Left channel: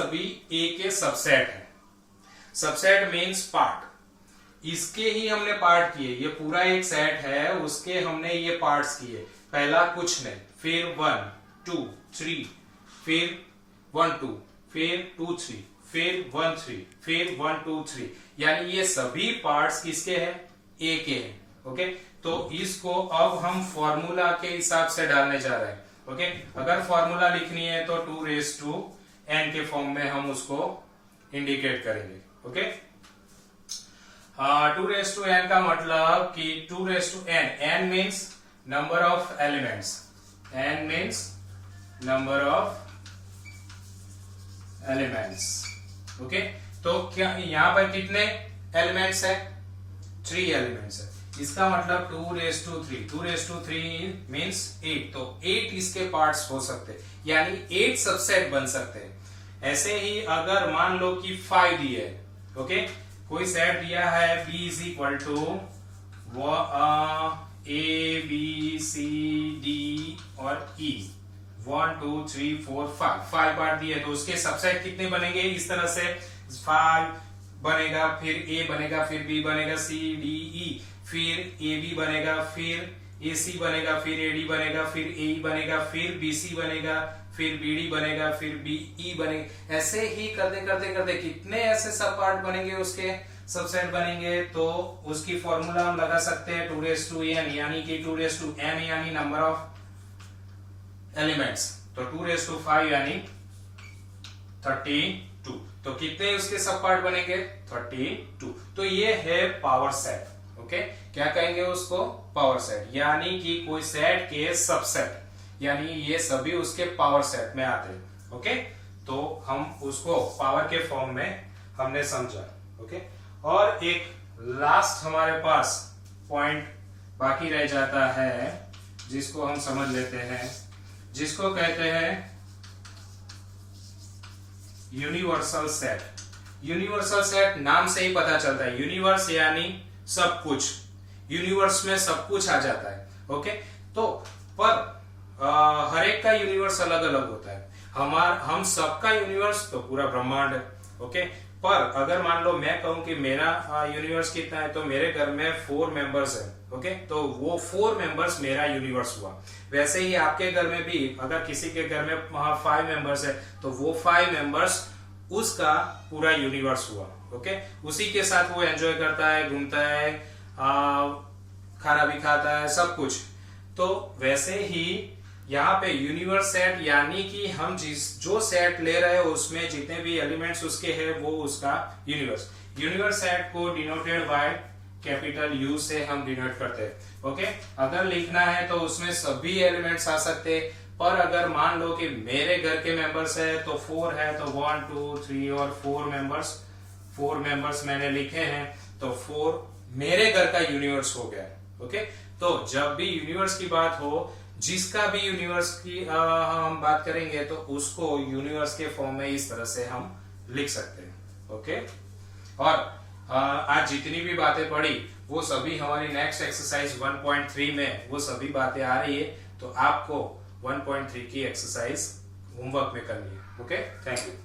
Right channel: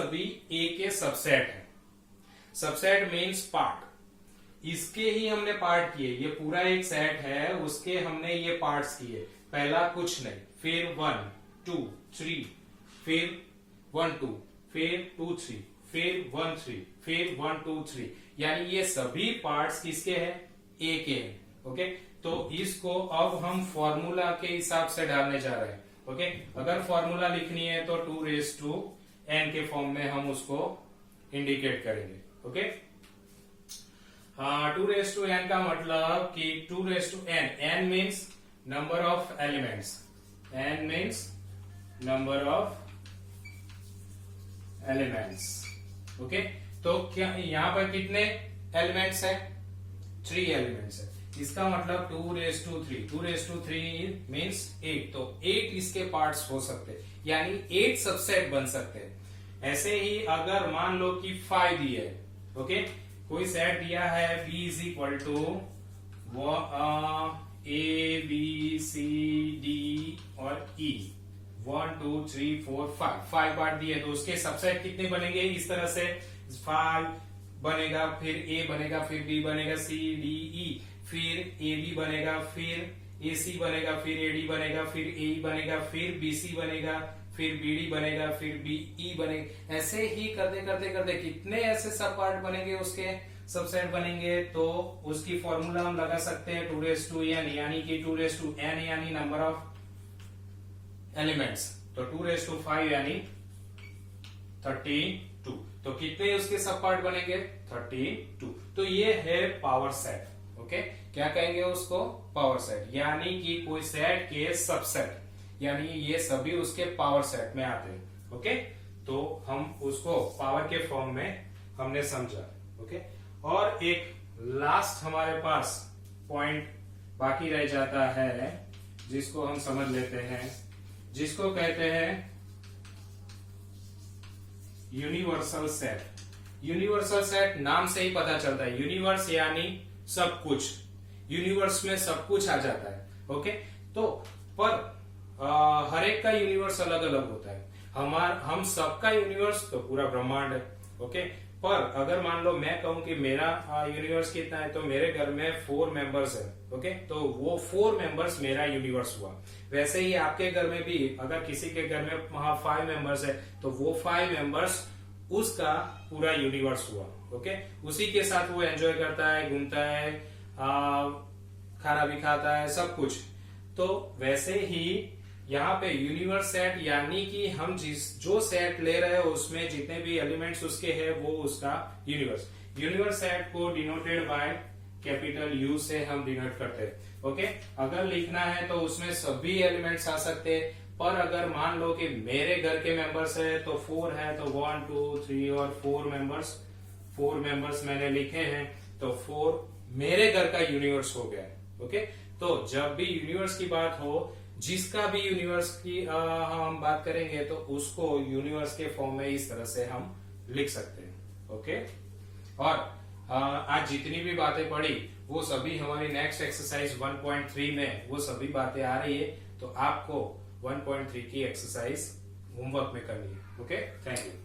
सभी ए के सबसेट है। Subset means part. इसके ही हमने पार्ट किए, ये पूरा एक सेट है, उसके हमने ये पार्ट्स किए। पहला कुछ नहीं, फिर 1 2 3, फिर 1 2, फिर 2 3, फिर 1 3, फिर 1 2 3, यानी ये सभी पार्ट्स किसके हैं? ए के हैं। ओके, तो इसको अब हम फॉर्मूला के हिसाब से डालने जा रहे हैं। ओके, अगर फॉर्मूला लिखनी है तो 2n के फॉर्म में हम उसको इंडिकेट करेंगे। ओके, 2n का मतलब कि 2n, n means number of elements, n means number of elements. Okay, तो क्या यहां पर कितने एलिमेंट्स है? 3 एलिमेंट्स है। इसका मतलब 2 3 मीन्स 8, तो 8 इसके पार्ट्स हो सकते हैं, यानी 8 सबसेट बन सकते हैं। ऐसे ही अगर मान लो कि 5 दिए है, ओके, कोई सेट दिया है B is equal to A B C D और E, 1 2 3 4 5 पार्ट दिए, तो उसके सबसेट कितने बनेंगे? इस तरह से 5 बनेगा, फिर A बनेगा, फिर B बनेगा, C D E, फिर AB बनेगा, फिर AC बनेगा, फिर AD बनेगा, फिर AE बनेगा, फिर BC बनेगा, फिर BD बनेगा, फिर BE बनेगा। ऐसे ही करते करते करते कितने ऐसे सब पार्ट बनेंगे, उसके सबसेट बनेंगे, तो उसकी फॉर्मूला हम लगा सकते हैं 2n, यानी कि 2n यानी नंबर ऑफ एलिमेंट्स, तो 2 यानी 32। तो कितने उसके सब पार्ट बनेंगे? 32। तो ये है पावर सेट। ओके, क्या कहेंगे उसको? पावर सेट, यानी कि कोई सेट के सबसेट, यानी ये सभी उसके पावर सेट में आते हैं। ओके, तो हम उसको पावर के फॉर्म में हमने समझा। ओके, और एक लास्ट हमारे पास पॉइंट बाकी रह जाता है, जिसको हम समझ लेते हैं, जिसको कहते हैं यूनिवर्सल सेट। यूनिवर्सल सेट नाम से ही पता चलता है, यूनिवर्स यानी सब कुछ, यूनिवर्स में सब कुछ आ जाता है। ओके, तो पर हर एक का यूनिवर्स अलग अलग होता है। हम सबका यूनिवर्स तो पूरा ब्रह्मांड है। ओके, पर अगर मान लो मैं कहूं कि मेरा यूनिवर्स कितना है, तो मेरे घर में 4 मेंबर्स है। ओके, तो वो 4 मेंबर्स मेरा यूनिवर्स हुआ। वैसे ही आपके घर में भी अगर किसी के घर में 5 मेंबर्स है, तो वो 5 मेंबर्स उसका पूरा यूनिवर्स हुआ। ओके, उसी के साथ वो एंजॉय करता है, घूमता है, खाना भी खाता है, सब कुछ। तो वैसे ही यहाँ पे यूनिवर्स सेट, यानी कि हम जो सेट ले रहे हैं उसमें जितने भी एलिमेंट्स उसके हैं, वो उसका यूनिवर्स। यूनिवर्स सेट को डिनोटेड बाय कैपिटल U से हम डिनोट करते हैं। ओके, अगर लिखना है तो उसमें सभी एलिमेंट्स आ सकते हैं, पर अगर मान लो कि मेरे घर के मेंबर्स है तो 4 है, तो 1 2 3 और 4 मेंबर्स मैंने लिखे हैं, तो 4 मेरे घर का यूनिवर्स हो गया। ओके, तो जब भी यूनिवर्स की बात हो, जिसका भी यूनिवर्स की हम बात करेंगे, तो उसको यूनिवर्स के फॉर्म में इस तरह से हम लिख सकते हैं। ओके, और आज जितनी भी बातें पढ़ी वो सभी हमारी नेक्स्ट एक्सरसाइज 1.3 में वो सभी बातें आ रही है, तो आपको 1.3 की एक्सरसाइज होमवर्क में करनी है। Okay, thank you.